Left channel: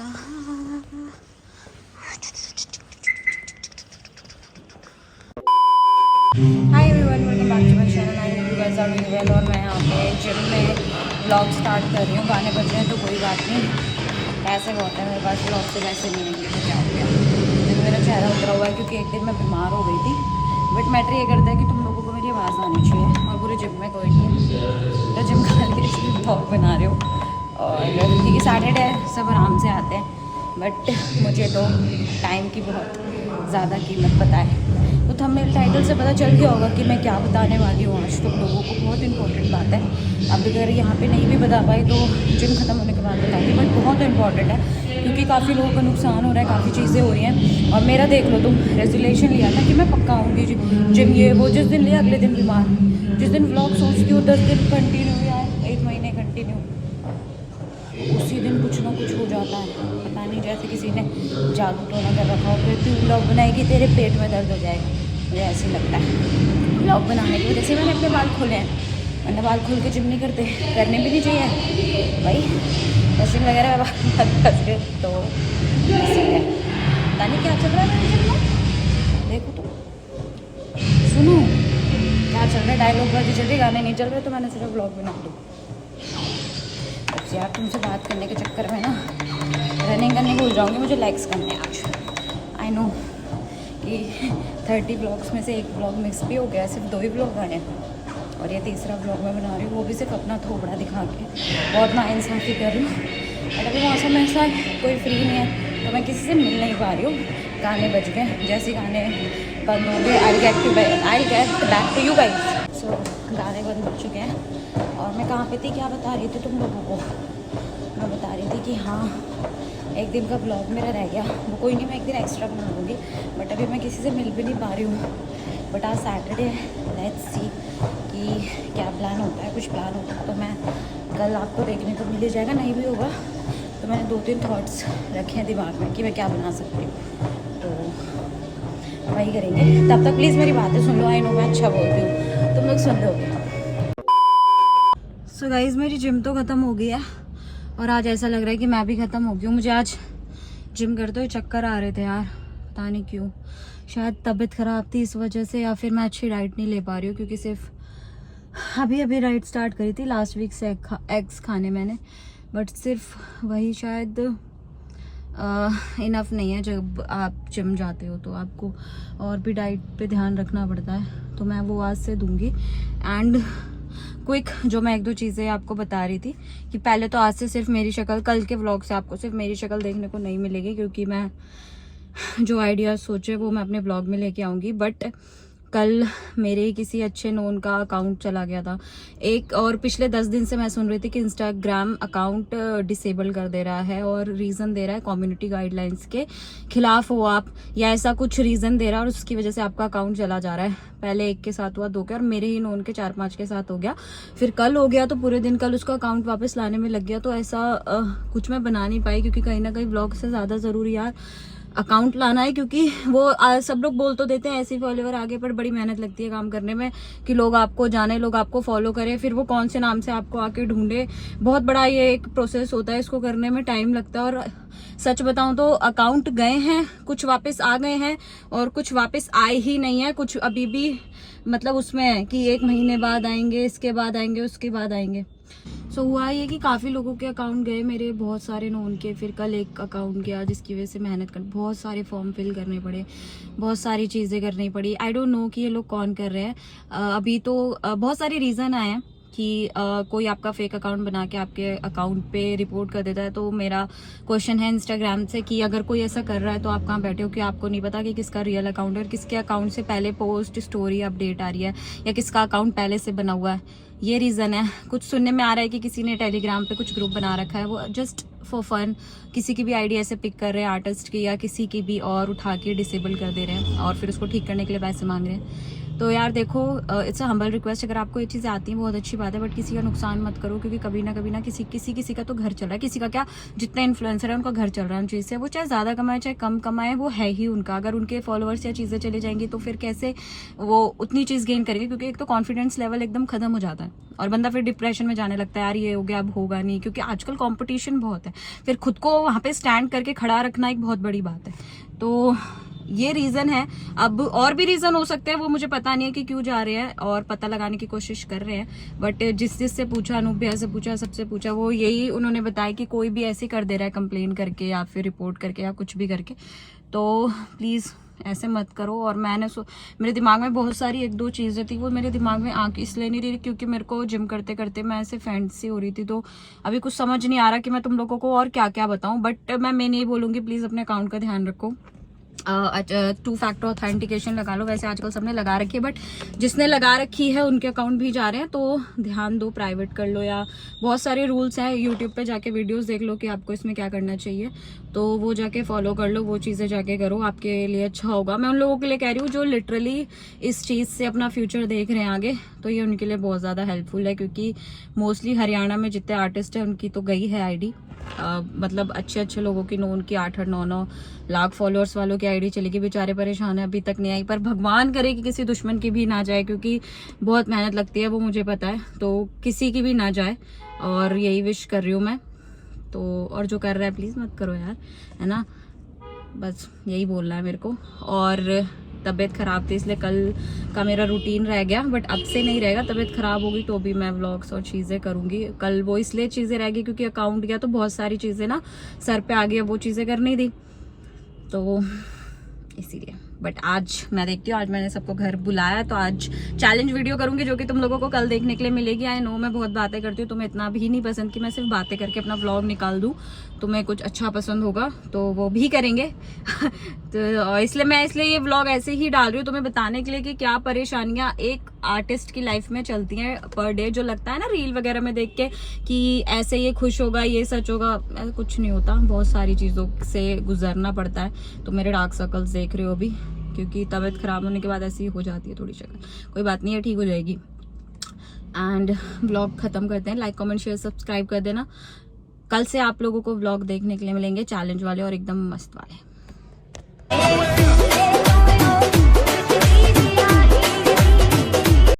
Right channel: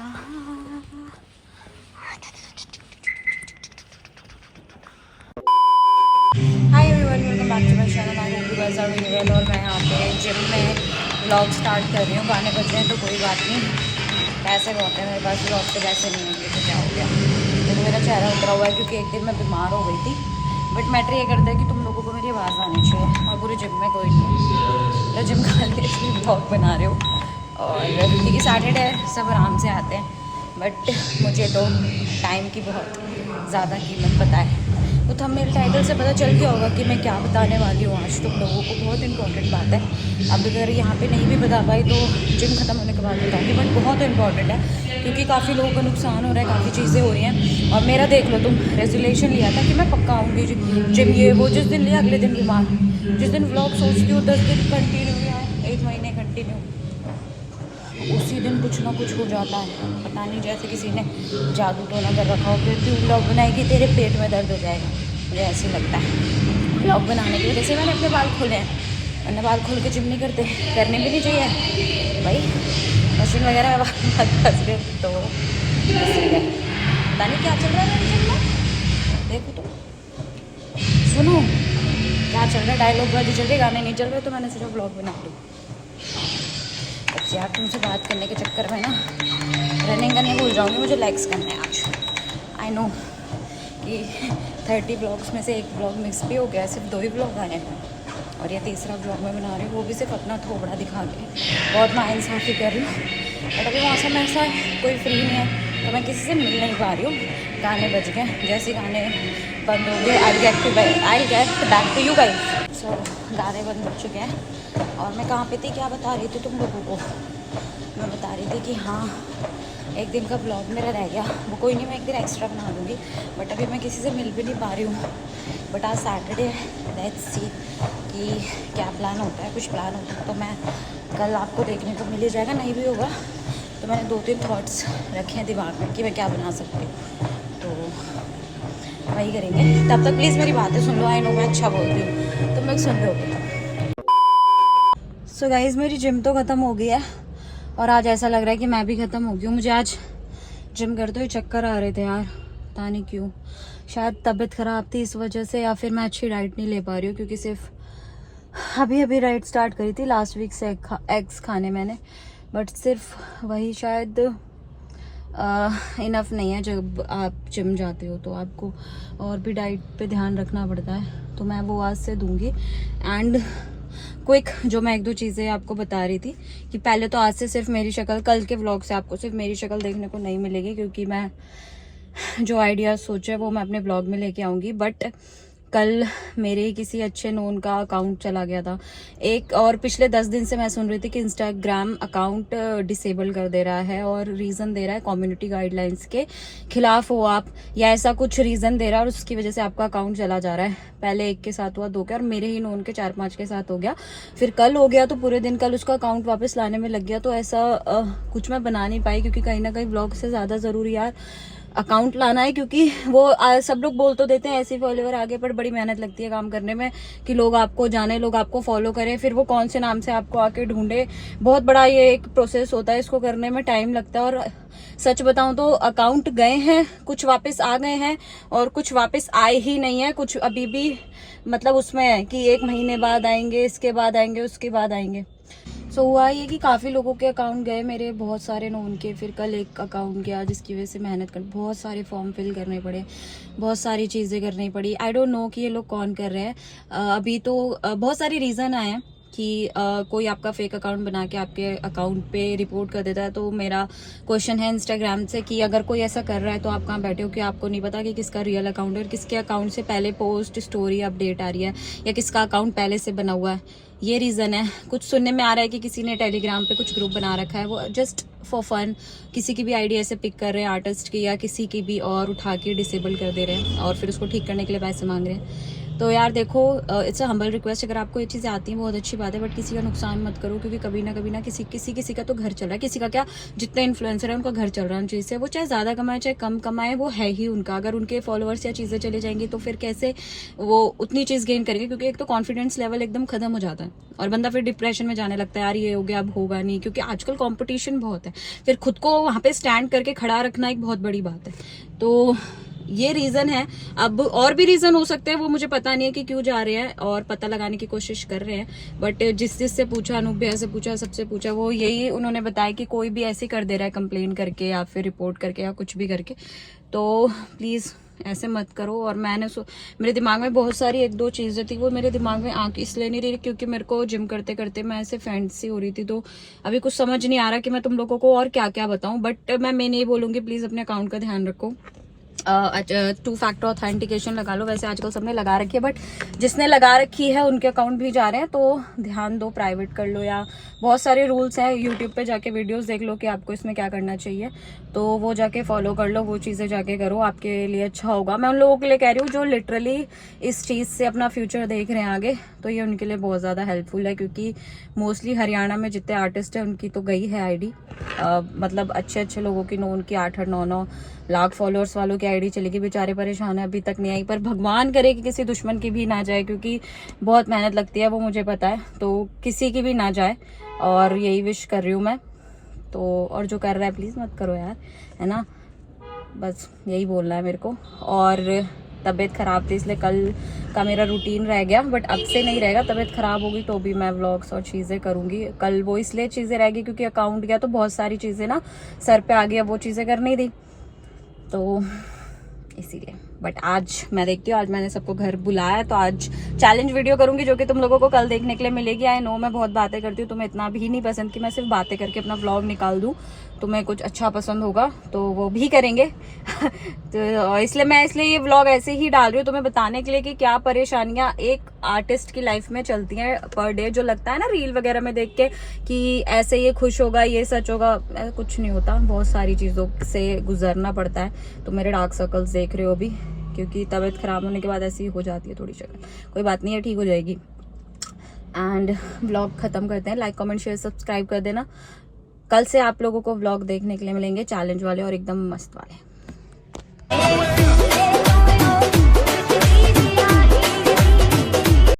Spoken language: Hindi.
Hi everyone, welcome back to my channel. I hope you guys are doing well. और मैं यहाँ पे जिम में व्लॉग स्टार्ट कर रही हूँ। गाने बज रहे हैं तो कोई बात नहीं, पैसे बहुत हैं मेरे पास, व्लॉग से पैसे नहीं आएंगे तो क्या हो गया। देखो मेरा चेहरा उतरा हुआ है क्योंकि एक दिन मैं बीमार हो गई थी। बट मैटर ये करता है कि तुम लोगों को मेरी आवाज़ आनी चाहिए और पूरे जिम में कोई नहीं है। तो जिम खाली इसलिए व्लॉग बना रहे हो। और क्योंकि सैटरडे सब आराम से आते हैं, बट मुझे तो टाइम की बहुत ज़्यादा कीमत पता है। तो थंबनेल टाइटल से पता चल गया होगा कि मैं क्या बताने वाली हूँ आज तुम लोगों को। बहुत इंपॉर्टेंट बात है। अब अगर यहाँ पे नहीं भी बता पाई तो जिम ख़त्म होने के बाद बताऊँगी। बट बहुत इंपॉर्टेंट है क्योंकि काफ़ी लोगों का नुकसान हो रहा है, काफ़ी चीज़ें हो रही हैं। और मेरा देख लो तुम, रेजोल्यूशन लिया था कि मैं पक्का आऊँगी जिम, ये वो। जिस दिन लिया अगले दिन बीमार। जिस दिन व्लॉग सोचती हूँ 10 दिन कंटिन्यू या 1 महीने कंटिन्यू, उसी दिन कुछ ना कुछ हो जाता है। पता नहीं, जैसे किसी ने जादू टोना कर रखा हो कि तू व्लॉग बनाएगी तेरे पेट में दर्द हो जाएगा। मुझे ऐसे ही लगता है। व्लॉग बनाने की वजह से मैंने अपने बाल खोले हैं, वरना बाल खोल के जिम नहीं करते, करने भी नहीं चाहिए भाई। मशीन वगैरह फंस गए तो है। पता नहीं क्या चल रहा है मेरे जिम में, देखो तो सुनो क्या चल रहा है। डायलॉग बाजी चल रही, गाने नहीं चल रहे, तो मैंने सिर्फ व्लॉग बना दूँ। बस यार तुमसे बात करने के चक्कर में ना रनिंग का नहीं भूल जाऊँगी। मुझे लाइक्स करने हैं आज। आई नो कि 30 ब्लॉग्स में से एक ब्लॉग मिक्स भी हो गया, सिर्फ 2 ही ब्लॉग आए हैं और ये तीसरा ब्लॉग मैं बना रही हूँ, वो भी सिर्फ अपना थोबड़ा दिखा के। बहुत नाइंसाफ़ी कर रही हूँ। बट अभी मौसम ऐसा है, कोई फ्री नहीं है तो मैं किसी से मिल नहीं पा रही हूँ। गाने बज गए, जैसे गाने बंद हो गए I get back to you guys. So गाने बंद हो चुके हैं और मैं कहाँ पे थी, क्या बता रही थी तुम लोगों को। मैं बता रही थी कि हाँ, एक दिन का ब्लॉग मेरा रह गया, वो कोई नहीं, मैं एक दिन एक्स्ट्रा बना दूँगी। बट अभी मैं किसी से मिल भी नहीं पा रही हूँ। बट आज सैटरडे है, लेट्स सी कि क्या प्लान होता है। कुछ प्लान होता है तो मैं कल आपको देखने को मिल ही जाएगा, नहीं भी होगा तो मैंने 2-3 थॉट्स रखे हैं दिमाग में कि मैं क्या बना सकती हूँ, तो वही करेंगे। तब तक प्लीज़ मेरी बातें सुन लो। आई नो मैं अच्छा बोलती हूँ, तुम लोग सुन रहे होगे। सो गाइज़, मेरी जिम तो ख़त्म हो गई है और आज ऐसा लग रहा है कि मैं भी ख़त्म हो गई हूँ। मुझे आज जिम करते हुए चक्कर आ रहे थे यार, पता नहीं क्यों। शायद तबीयत ख़राब थी इस वजह से, या फिर मैं अच्छी डाइट नहीं ले पा रही हूँ क्योंकि सिर्फ अभी डाइट स्टार्ट करी थी लास्ट वीक से एग्स खाने मैंने। बट सिर्फ वही शायद इनफ नहीं है। जब आप जिम जाते हो तो आपको और भी डाइट पे ध्यान रखना पड़ता है, तो मैं वो आज से दूंगी। एंड क्विक जो मैं 1-2 चीज़ें आपको बता रही थी कि पहले तो आज से सिर्फ मेरी शक्ल, कल के व्लॉग से आपको सिर्फ मेरी शक्ल देखने को नहीं मिलेगी क्योंकि मैं जो आइडिया सोचे वो मैं अपने ब्लॉग में लेके आऊँगी। बट कल मेरे किसी अच्छे नोन का अकाउंट चला गया था एक, और पिछले 10 दिन से मैं सुन रही थी कि इंस्टाग्राम अकाउंट डिसेबल कर दे रहा है और रीज़न दे रहा है कम्युनिटी गाइडलाइंस के खिलाफ हो आप, या ऐसा कुछ रीज़न दे रहा है और उसकी वजह से आपका अकाउंट चला जा रहा है। पहले एक के साथ हुआ, 2 के, और मेरे ही नोन के 4-5 के साथ हो गया। फिर कल हो गया तो पूरे दिन कल उसका अकाउंट वापस लाने में लग गया। तो ऐसा कुछ मैं बना नहीं पाई क्योंकि कहीं ना कहीं ब्लॉग से ज़्यादा ज़रूरी यार अकाउंट लाना है। क्योंकि वो सब लोग बोल तो देते हैं ऐसे फॉलोवर आगे, पर बड़ी मेहनत लगती है काम करने में कि लोग आपको जाने, लोग आपको फॉलो करें, फिर वो कौन से नाम से आपको आके ढूंढे। बहुत बड़ा ये एक प्रोसेस होता है, इसको करने में टाइम लगता है। और सच बताऊं तो अकाउंट गए हैं, कुछ वापस आ गए हैं और कुछ वापस आए ही नहीं है। कुछ अभी भी मतलब उसमें है कि 1 महीने बाद आएंगे, इसके बाद आएंगे, उसके बाद आएंगे। सो हुआ ये कि काफ़ी लोगों के अकाउंट गए, मेरे बहुत सारे नोन के। फिर कल एक अकाउंट गया जिसकी वजह से मेहनत कर, बहुत सारे फॉर्म फिल करने पड़े, बहुत सारी चीज़ें करनी पड़ी। आई डोंट नो कि ये लोग कौन कर रहे हैं। अभी तो बहुत सारे रीज़न आए हैं कि कोई आपका फेक अकाउंट बना के आपके अकाउंट पे रिपोर्ट कर देता है। तो मेरा क्वेश्चन है इंस्टाग्राम से कि अगर कोई ऐसा कर रहा है तो आप कहाँ बैठे हो कि आपको नहीं पता कि किसका रियल अकाउंट है और किसके अकाउंट से पहले पोस्ट, स्टोरी, अपडेट आ रही है, या किसका अकाउंट पहले से बना हुआ है। ये रीज़न है। कुछ सुनने में आ रहा है कि किसी ने टेलीग्राम पे कुछ ग्रुप बना रखा है, वो जस्ट फॉर फन किसी की भी आईडी ऐसे पिक कर रहे हैं, आर्टिस्ट की या किसी की भी, और उठा के डिसेबल कर दे रहे हैं और फिर उसको ठीक करने के लिए पैसे मांग रहे हैं। तो यार देखो, इट्स अ हम्बल रिक्वेस्ट, अगर आपको ये चीज़ें आती हैं बहुत अच्छी बात है, बट किसी का नुकसान मत करो, क्योंकि कभी ना किसी का तो घर चल रहा है, किसी का क्या, जितना इन्फ्लुएंसर है उनका घर चल रहा है उन चीज़ से, वो चाहे ज़्यादा कमाए चाहे कम कमाए, वो है ही उनका। अगर उनके फॉलोअर्स या चीज़ें चले जाएंगी तो फिर कैसे वो उतनी चीज़ गेन करेंगे, क्योंकि एक तो कॉन्फिडेंस लेवल एकदम खत्म हो जाता है और बंदा फिर डिप्रेशन में जाने लगता है, यार ये हो गया अब होगा नहीं, क्योंकि आजकल कॉम्पिटिशन बहुत है, फिर खुद को वहाँ पे स्टैंड करके खड़ा रखना एक बहुत बड़ी बात है। तो ये रीजन है। अब और भी रीजन हो सकते हैं, वो मुझे पता नहीं है कि क्यों जा रहे हैं, और पता लगाने की कोशिश कर रहे हैं, बट जिससे पूछा, अनूप भैया से पूछा, सबसे पूछा, वो यही उन्होंने बताया कि कोई भी ऐसे कर दे रहा है कंप्लेन करके या फिर रिपोर्ट करके या कुछ भी करके, तो प्लीज ऐसे मत करो। और मेरे दिमाग में बहुत सारी एक दो चीजें थी, वो मेरे दिमाग में आंख इसलिए नहीं रही क्योंकि मेरे को जिम करते करते मैं ऐसे फैंटेसी हो रही थी, तो अभी कुछ समझ नहीं आ रहा कि मैं तुम लोगों को और क्या क्या बताऊं। बट मैं नहीं बोलूंगी, प्लीज अपने अकाउंट का ध्यान रखो, 2 फैक्टर ऑथेंटिकेशन लगा लो। वैसे आजकल सबने लगा रखी है, बट जिसने लगा रखी है उनके अकाउंट भी जा रहे हैं, तो ध्यान दो, प्राइवेट कर लो, या बहुत सारे रूल्स हैं, यूट्यूब पे जाके वीडियोस देख लो कि आपको इसमें क्या करना चाहिए, तो वो जाके फॉलो कर लो, वो चीज़ें जाके करो, आपके लिए अच्छा होगा। मैं उन लोगों के लिए कह रही हूँ जो लिटरली इस चीज़ से अपना फ्यूचर देख रहे हैं आगे, तो ये उनके लिए बहुत ज़्यादा हेल्पफुल है, क्योंकि मोस्टली हरियाणा में जितने आर्टिस्ट हैं उनकी तो गई है आईडी, मतलब अच्छे लोगों की, उनकी 8-9 लाख फॉलोअर्स वालों की आईडी चलेगी, बेचारे परेशान है, अभी तक नहीं आई, पर भगवान करे कि किसी दुश्मन की भी ना जाए, क्योंकि बहुत मेहनत लगती है, वो मुझे पता है, तो किसी की भी ना जाए, और यही विश कर रही हूँ मैं तो। और जो कर रहा है प्लीज़ मत करो यार, है ना, बस यही बोलना है मेरे को। और तबीयत ख़राब थी इसलिए कल का मेरा रूटीन रह गया, बट अब से नहीं रहेगा, तबीयत ख़राब होगी तो भी मैं व्लॉग्स और चीज़ें करूँगी। कल वो इसलिए चीज़ें रहेगी क्योंकि अकाउंट गया तो बहुत सारी चीज़ें ना सर पे आ गई, अब वो चीज़ें करनी थी, तो इसीलिए। बट आज मैं देखती हूँ, आज मैंने सबको घर बुलाया, तो आज चैलेंज वीडियो करूंगी जो कि तुम लोगों को कल देखने के लिए मिलेगी। आई नो मैं बहुत बातें करती हूँ, तुम्हें इतना भी नहीं पसंद कि मैं सिर्फ बातें करके अपना व्लॉग निकाल दूँ, तुम्हें कुछ अच्छा पसंद होगा तो वो भी करेंगे तो इसलिए मैं ये व्लॉग ऐसे ही डाल रही हूँ, तुम्हें बताने के लिए कि क्या परेशानियां एक आर्टिस्ट की लाइफ में चलती हैं पर डे। जो लगता है ना रील वगैरह में देख के कि ऐसे ये खुश होगा, ये सच होगा, ऐसा कुछ नहीं होता, बहुत सारी चीज़ों से गुजरना पड़ता है। तो मेरे डार्क सर्कल्स देख रहे हो अभी, क्योंकि तबीयत खराब होने के बाद ऐसी हो जाती है थोड़ी शक्ल, कोई बात नहीं है, ठीक हो जाएगी। एंड व्लॉग खत्म करते हैं, लाइक कमेंट शेयर सब्सक्राइब कर देना। कल से आप लोगों को व्लॉग देखने के लिए मिलेंगे चैलेंज वाले और एकदम मस्त वाले।